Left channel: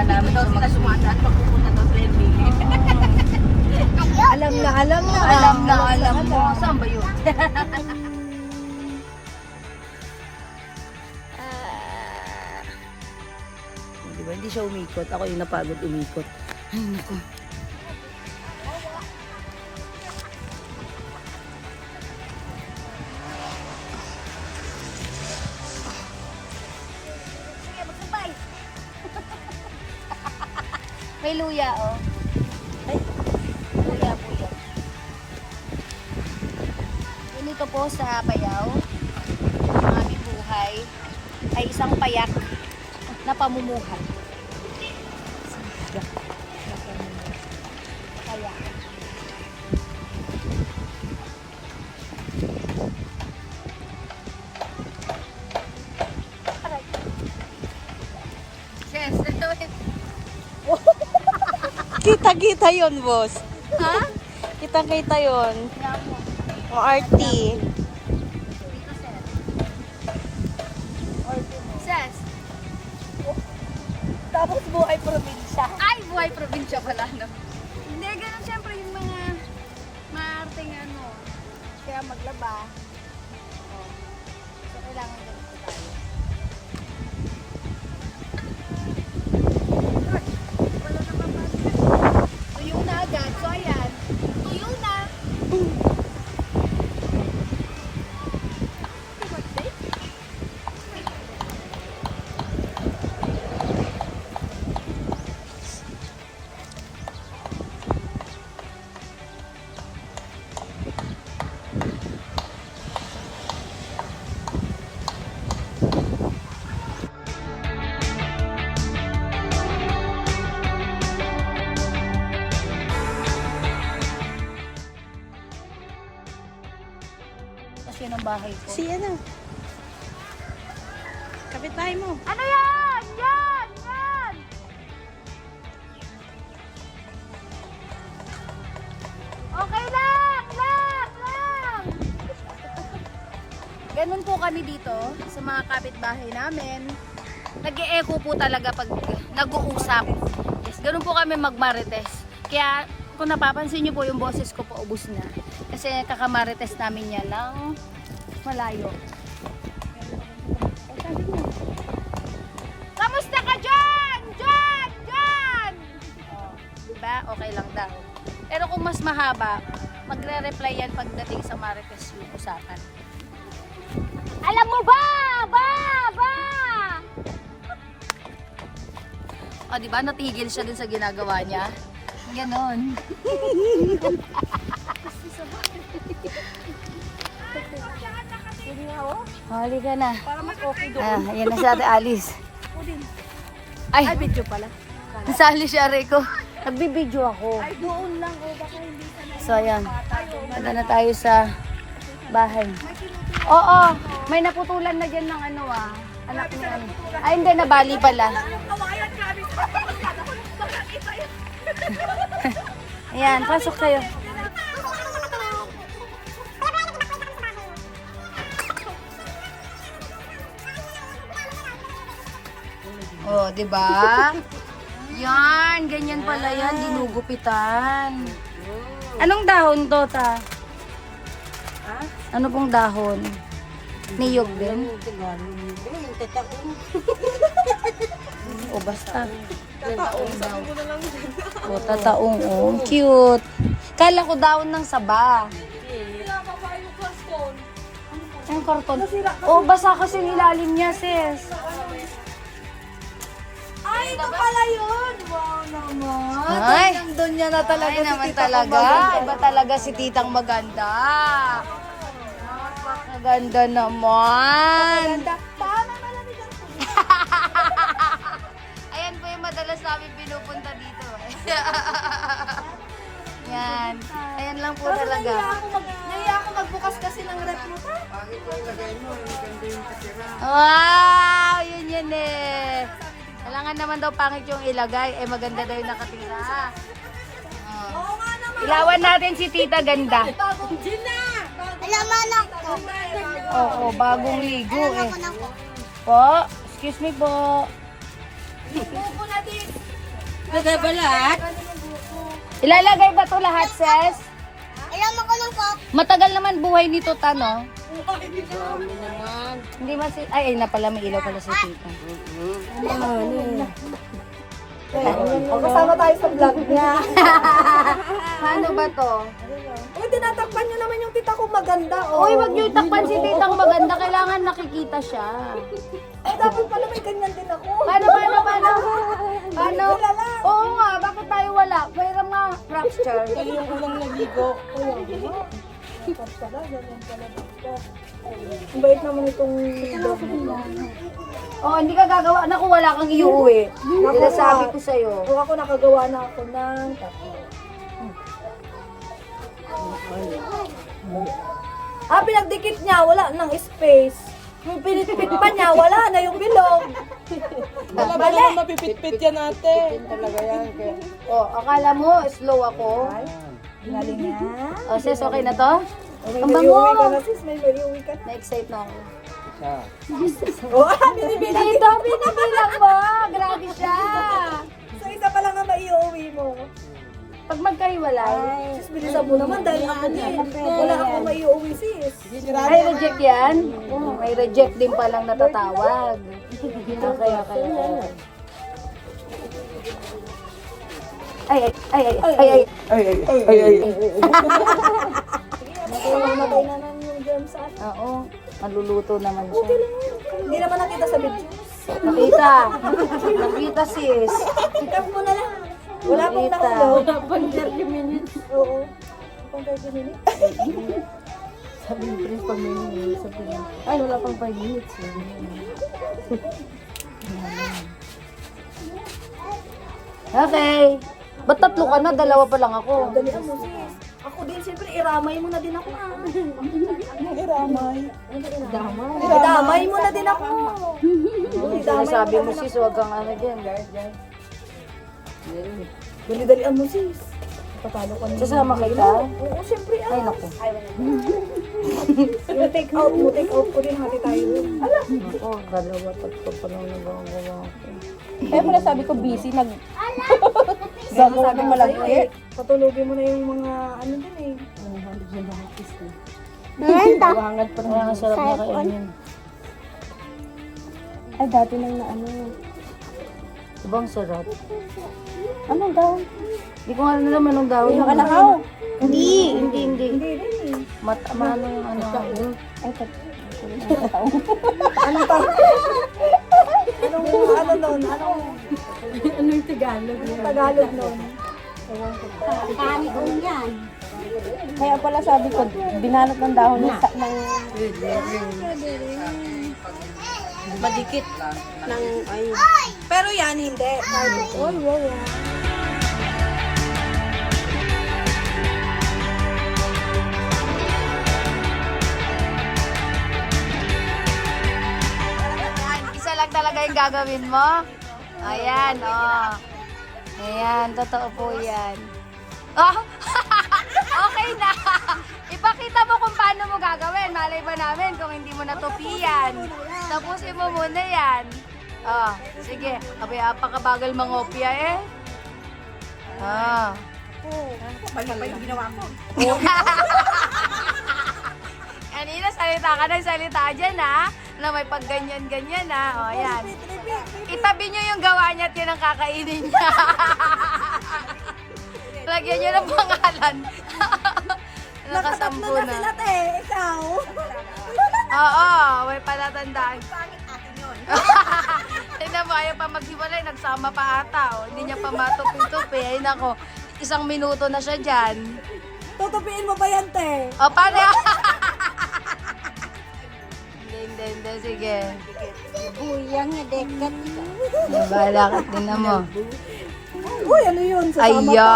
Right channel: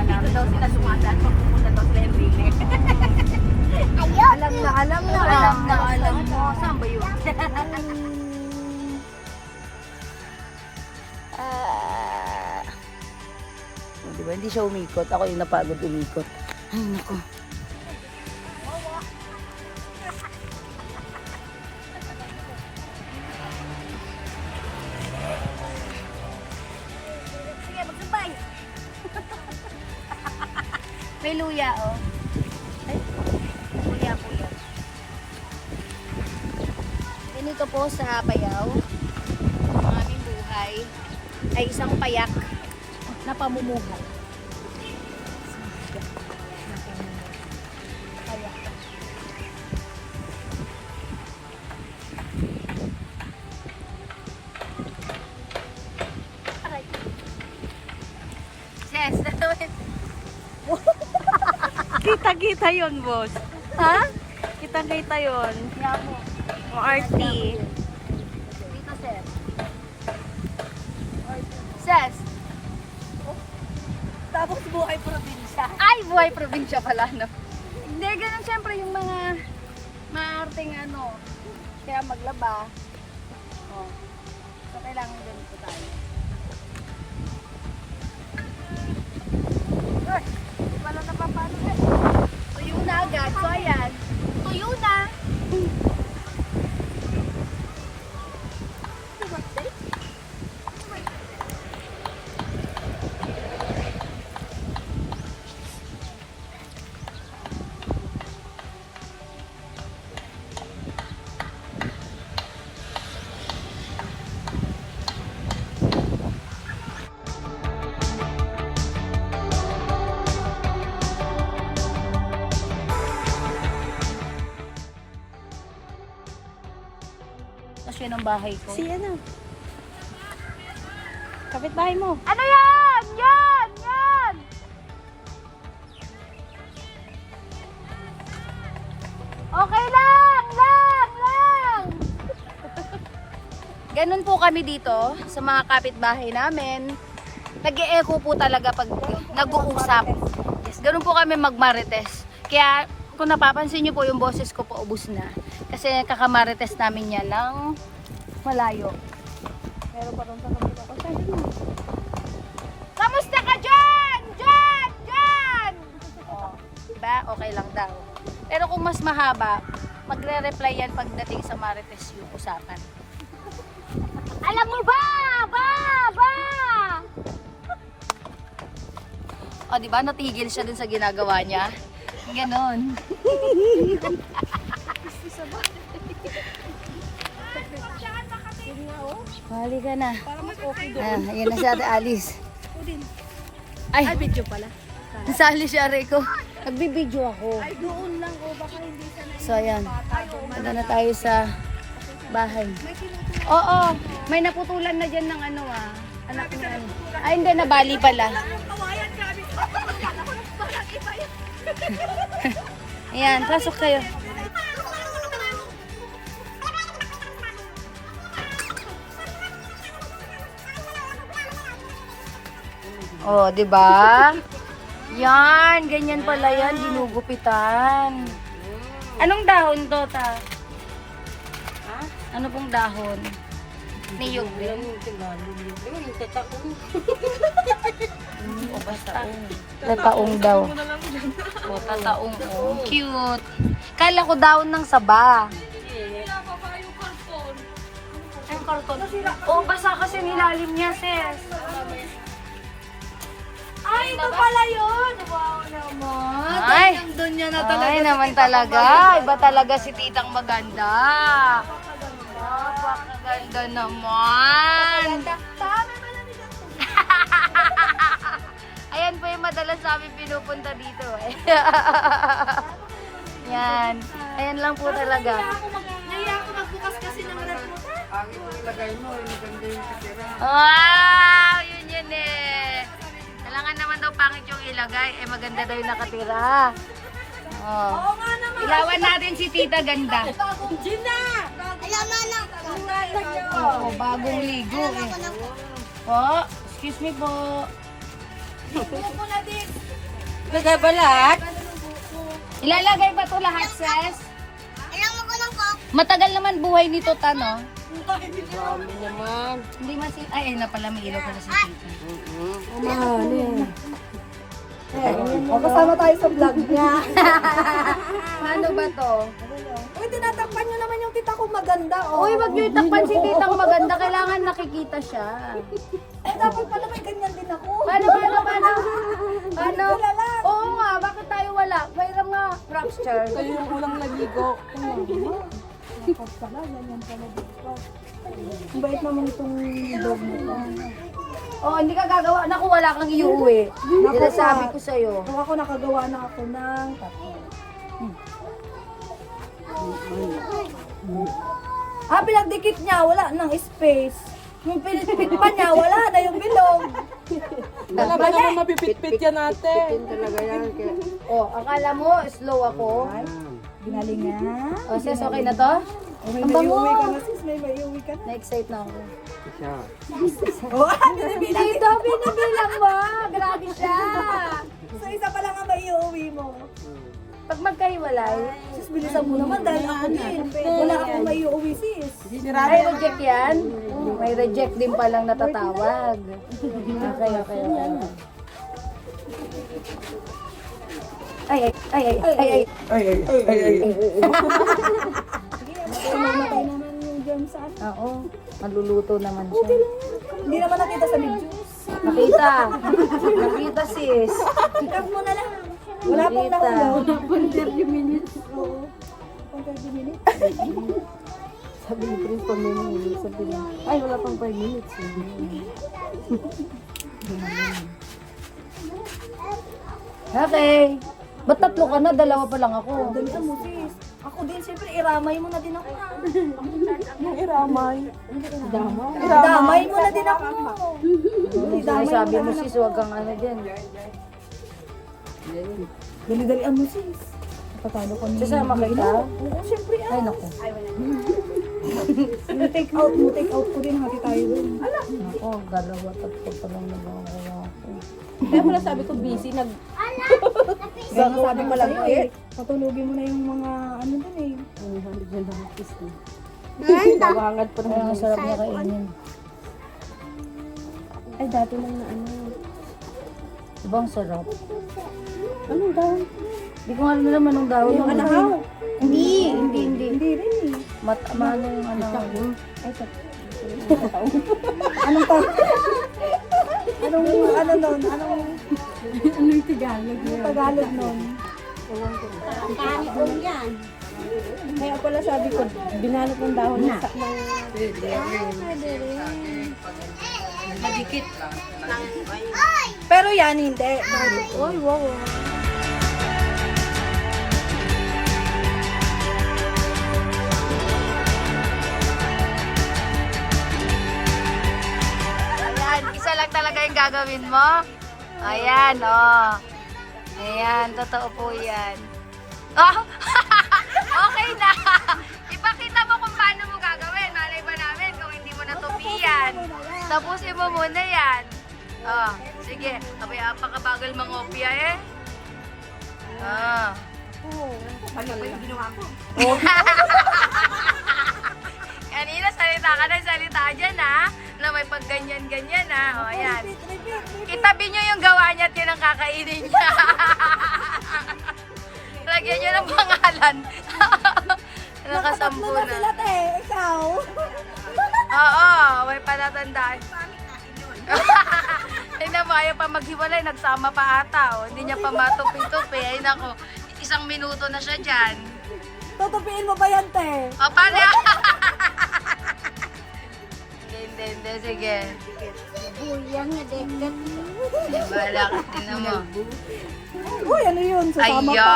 kasama namin sa mag-swimming. Alam mo. Saan ba yun? Diba, hindi siya umikot. Ako yung napagod umikot. Ay, naku. Sige, magsampay. May luya, oh. Ay, luya po yan. Ganito po sa Apayao, ang aming buhay ay isang payak na pamumuhay. Payak. Yes. Kita-kita yun, boss. Ha? Kita-kita yun. Yan mo. O RT. Dito, sir. Ses. Tapos buhay probinsya. Ay, buhay probinsya pala, no? Hindi, ganun siyempre yung mga maarting ano. Kaya maglaba. Oh. So, kailangan gawin ko tayo. Ay, wala na papalit. Tuyo na agad. So, ayan. Tuyo na. Kasi yun ang bahay ko. Si ano? Kapitbahay mo. Ano yan? Yan! Yan! Okay lang! Lang! Ganun po kami dito sa mga kapitbahay namin. Nag-e-echo po talaga pag nag-uusap. Yes, ganun po kami magmarites. Kaya kung napapansin nyo po yung boses ko po ubos na. Kasi kakamarites namin yan ng malayo. Meron pa rin kamusta ka dyan? Dyan! Oh, diba? Okay lang daw. Pero kung mas mahaba, magre-reply yan pagdating sa marites yung usapan. Alam mo ba? O, diba? Natigil siya dun sa ginagawa niya. Ganon. Hali ka na. Para mas okay doon. Ayan na si Ate Alice. Ay, Video pala. nasali si Are ko. Nagbibideo ako. Ay, doon lang. O, baka hindi sa So, ayan. Punta na tayo sa bahay. Oo, may naputulan na dyan ng ano anak niya. Ay, hindi, nabali pala. Ayan, pasok kayo. Oh, 'di ba? Yan, ganyan pala yan, ginugupitan. Anong dahon to, ta? Ano pong dahon? Niyog din? O basta. Tataong daw. O, tataong. Oh. Cute. Kala ko dahon ng saba. Ang karton. O, basa kasi nilalim niya, sis. Ay, ito pala yun! Wow naman! Ay, Doon niya na talaga. ay naman talaga. Iba talaga si Titang maganda. Napakaganda naman. Ayan po yung madalas namin pinupunta dito. Yan. Ayan lang po talaga. Naiya ako magbukas kasi ng rep mo. Wow! Yun eh. Kailangan naman daw pangit yung ilagay. Eh maganda daw yung nakatira. Oh. Ilawan natin si Tita Ganda. Gina! Alamanak ko. Oo, bagong ligo eh. Po, excuse me po. Buko na din. Lagay ba lahat? Ilalagay ba to lahat, Ses? Alam ako ng coke. Matagal naman buhay nito, Tano. Dami naman. Hindi masi... Ay, na pala, may ilaw pala si Tita. Kasama tayo sa vlog niya. Ano ba to? Eh, tinatakpan niyo naman yung tita ko maganda, oh. Uy, wag niyo itakpan si Titang maganda. Kailangan nakikita siya. Eh, dapat pala may ganyan din ako. Paano? Paano? Oo nga, bakit tayo wala? Mayroon nga, fracture. Kayo yung ulang naligo. Kaya nga. Dapat pala, ganyan pala dito. Ang bait naman itong dog na to. Oh, hindi ka gagawa. Naku, wala kang iuwi. Naku, Sabi ko sa'yo. Kung ako nakagawa na ako ng tatlo. Pinagdikit niya, wala nang space. Yung pinitpit pa niya, wala na yung bilog. Wala ba naman mapipit-pit yan ate? Talaga yan. Oh, akala mo, slow ako. Ginaling niya. Oh, sis, okay na to? Okay, Ang may bango. iuwi ka na sis, may iuwi ka na. Na-excite na ako. Oh, binibilang. Dito, binibilang mo. Grabe siya. So, isa pa lang ang maiuwi mo. Pag magkahiwalay, Sis, bilisan mo naman dahil ako din. Wala akong maiuwi sis. ay reject yan? May reject din palang natatawag. Okay. Ay. Mamatay na lang yung germs sa atin. Oo, maluluto naman siya. Hindi naman nakita sa videos. Nakita sis. Tap mo na lang. Wala pang Nakita. nakulong. Wala pang 30 minutes. Oo. Pang 30 minutes. Sabi ni Prince pag may minutes, sabi niya, ay wala pang 5 minutes. Okay. Ba't tatlo ka na? Dalawa pa lang ako. Dalihan mo sis. Ako din siyempre, iramay mo na din ako. Iramay. Idamay mo na din ako. Sinasabi mo sis, huwag kang ano dyan. Dali-dalian mo sis. Napatalo ka na. Sasama kita? Oo, siyempre. Ay naku. Yung take out mo, take out ko din. Hati tayo din. Naku, dalawa, tatlo pa lang nagagawa ko. Kaya mo nasabi ko busy, Kaya nasabi ko lang eh. Patulogin mo na yung mga ano din eh. Pabangad pa Kaya ang sarap na kainin. Ay, dati nang naano. Diba ang sarap? Anong daw? Hindi ko nga alam naman anong dahon. Yung alakaw? Hindi. Hindi rin eh. Ano yung ano? Anong tayo? Anong ano nun? Anong Tagalog? anong Tagalog nun? Kaya pala sabi ko, binalot ng dahon ng madikit ng Pero yan, hindi. Wow. Ayan, isa lang talaga yung gagawin mo. Ayan, oh. Ayan, totoo po yan. Oh, okay na. Ipakita mo kung paano mo gagawin. Malay ba namin kung hindi mo natupian. Tapusin mo muna yan. Oh, sige. Abay, apakabagal mangopia eh. Ah. Bali pa yung ginawa ko. Kanina, salita ka ng salita dyan, ha? Na may pag ganyan-ganyan, ha? O, ayan. Itabi nyo yung gawa niya at yun ang kakainin niya. Lagyan nyo ng pangalan. Nakasampu na. Sila te, ikaw. Oo, may palatandaan. Tingnan mo, ayaw pa maghiwalay, nagsama pa ata. Oh. Hindi niya pa matupi-tupi. Ay, nako, 1 minuto na siya dyan. Tutupiin mo ba yan, te? O, paano? Hindi, sige. Buyang na dekat. Bahala ka, tingnan mo. Uy, ano yun? Sasama pa. Ayan!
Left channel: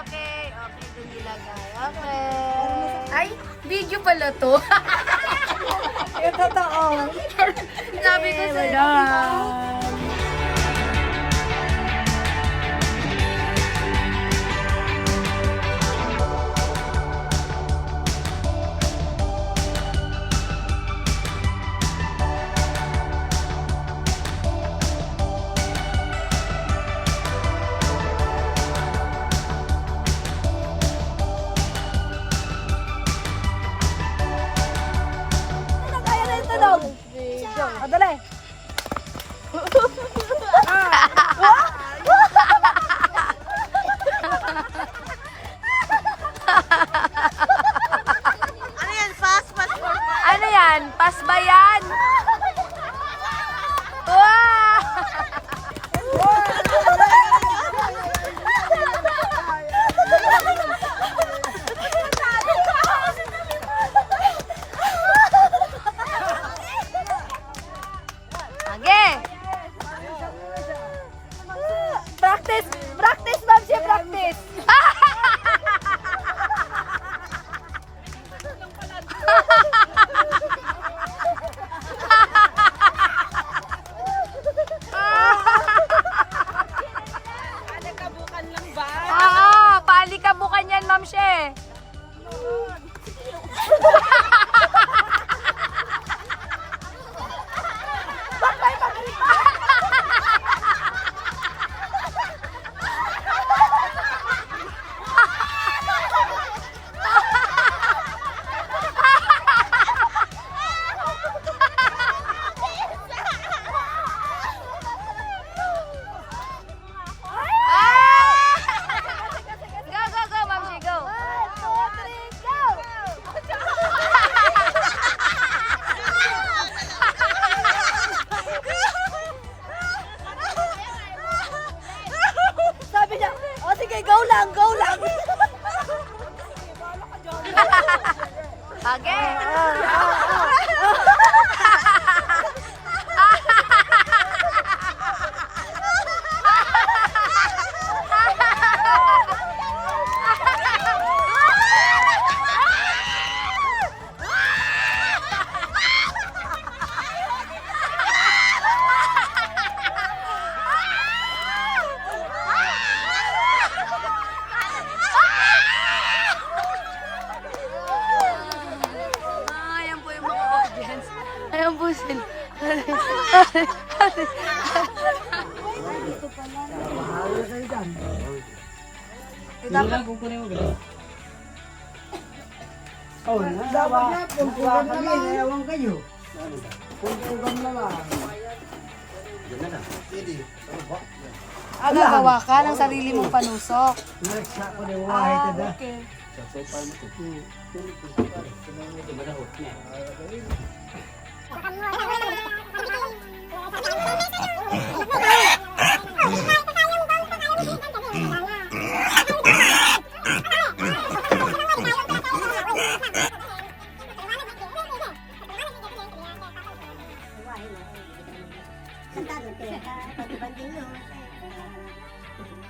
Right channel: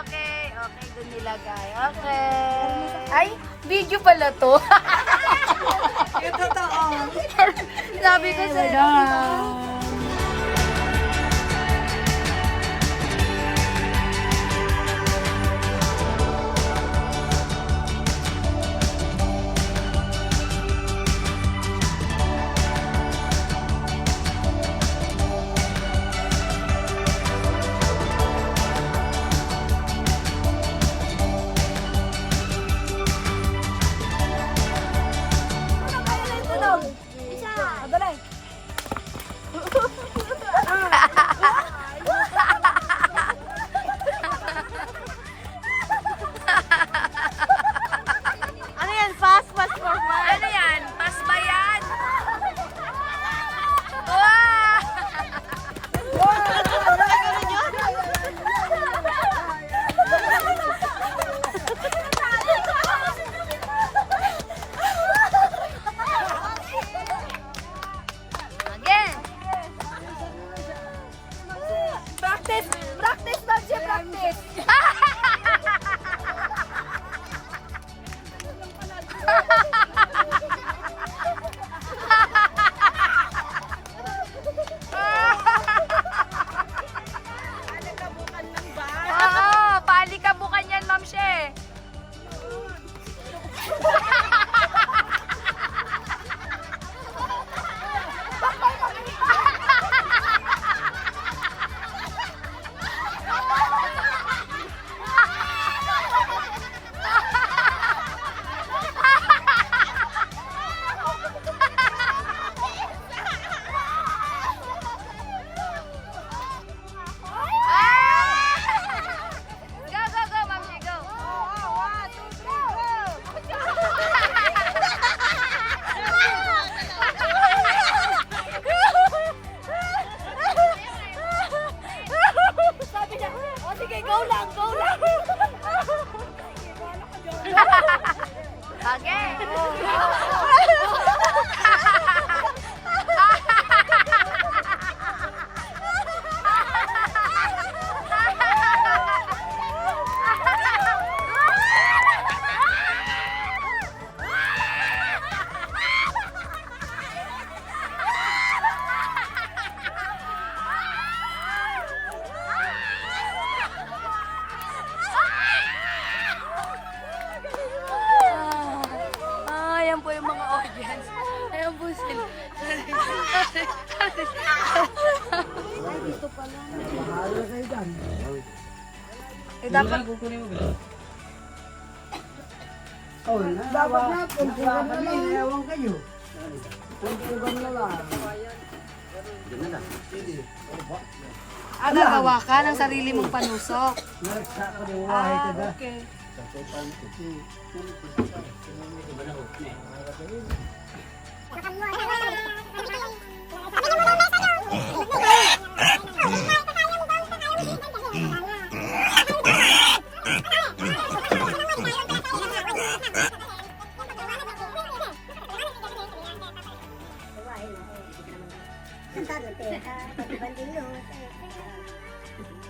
Okay, dun nilagay. Okay. Ay, video pala to. Yung totoo. Sabi ko sa'yo. Kage! Ayan po yung mga audience. Ayan po sila. Dapat Dapat na, pumpugan na lang. Ewan kayo. Pumpugan na lang. Gawa ka ng sarili mong panusok. Nareksa ko na wahay ko na.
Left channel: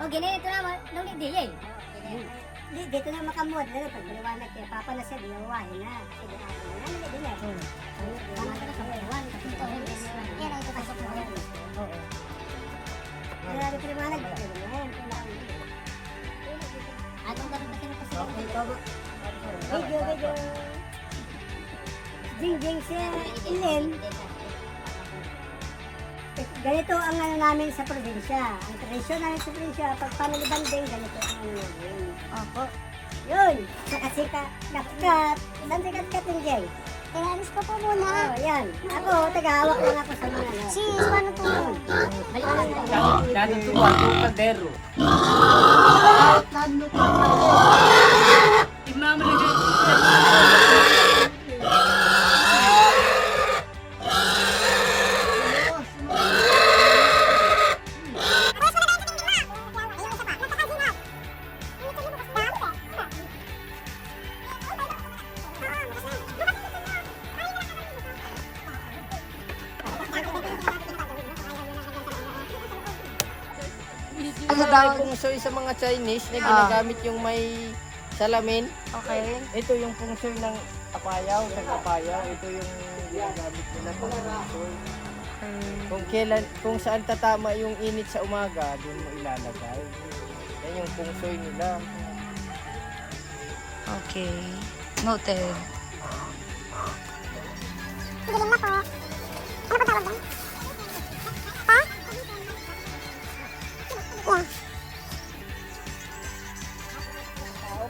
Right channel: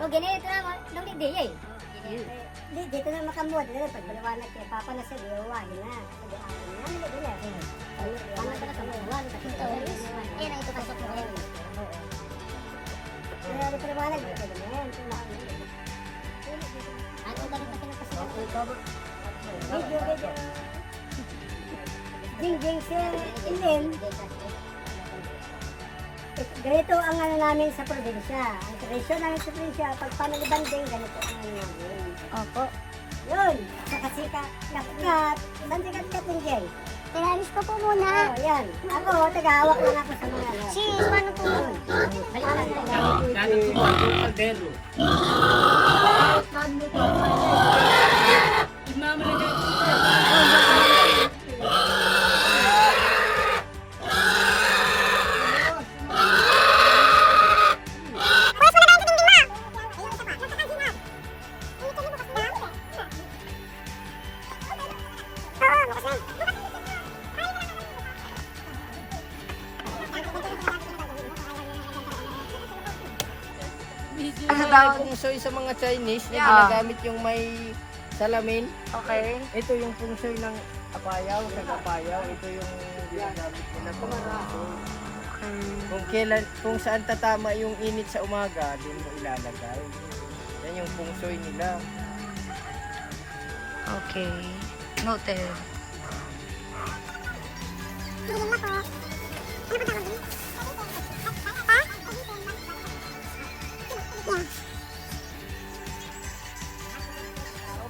O, ganito na, nung hindi eh. Di, dito na makamod. Pag paliwanag kay Papa na siya, di wawahin na. Sige, akin na. Ano na din eh. Paano ka na sa paliwanag? Kaya na ito pasok na. Kaya na paliwanag. Ano ba rin kasi napasiwanag? Video. Jing siya. Ilin. Ganito ang ano namin sa probinsya. Ang tradisyon namin sa probinsya, pag panalibanding, ganito ang ano namin. Opo. Yun, saka-sika, kat-kat. Saan si kat-kat yung Jeng? Tinalis ko po muna. Oh, yan. Ako, taga-hawak lang ako sa mga ano. Si, ano po yun? Dati si Juan, yung kaldero. Ano daw? Pung soy sa mga Chinese na ginagamit yung may salamin. Okay. Ito yung pung soy ng apayaw, taga-apayaw. Ito yung ginagamit nila pang pung soy. Kung saan tatama yung init sa umaga, doon mo ilalagay. Yan yung pung soy nila. Okay. Noted.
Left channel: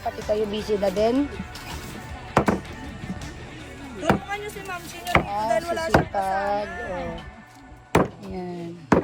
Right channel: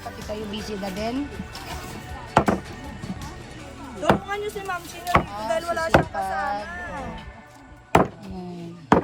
Pati kayo busy na din. Tulungan niyo si Ma'am Sino dito dahil wala siyang kasama. Yan.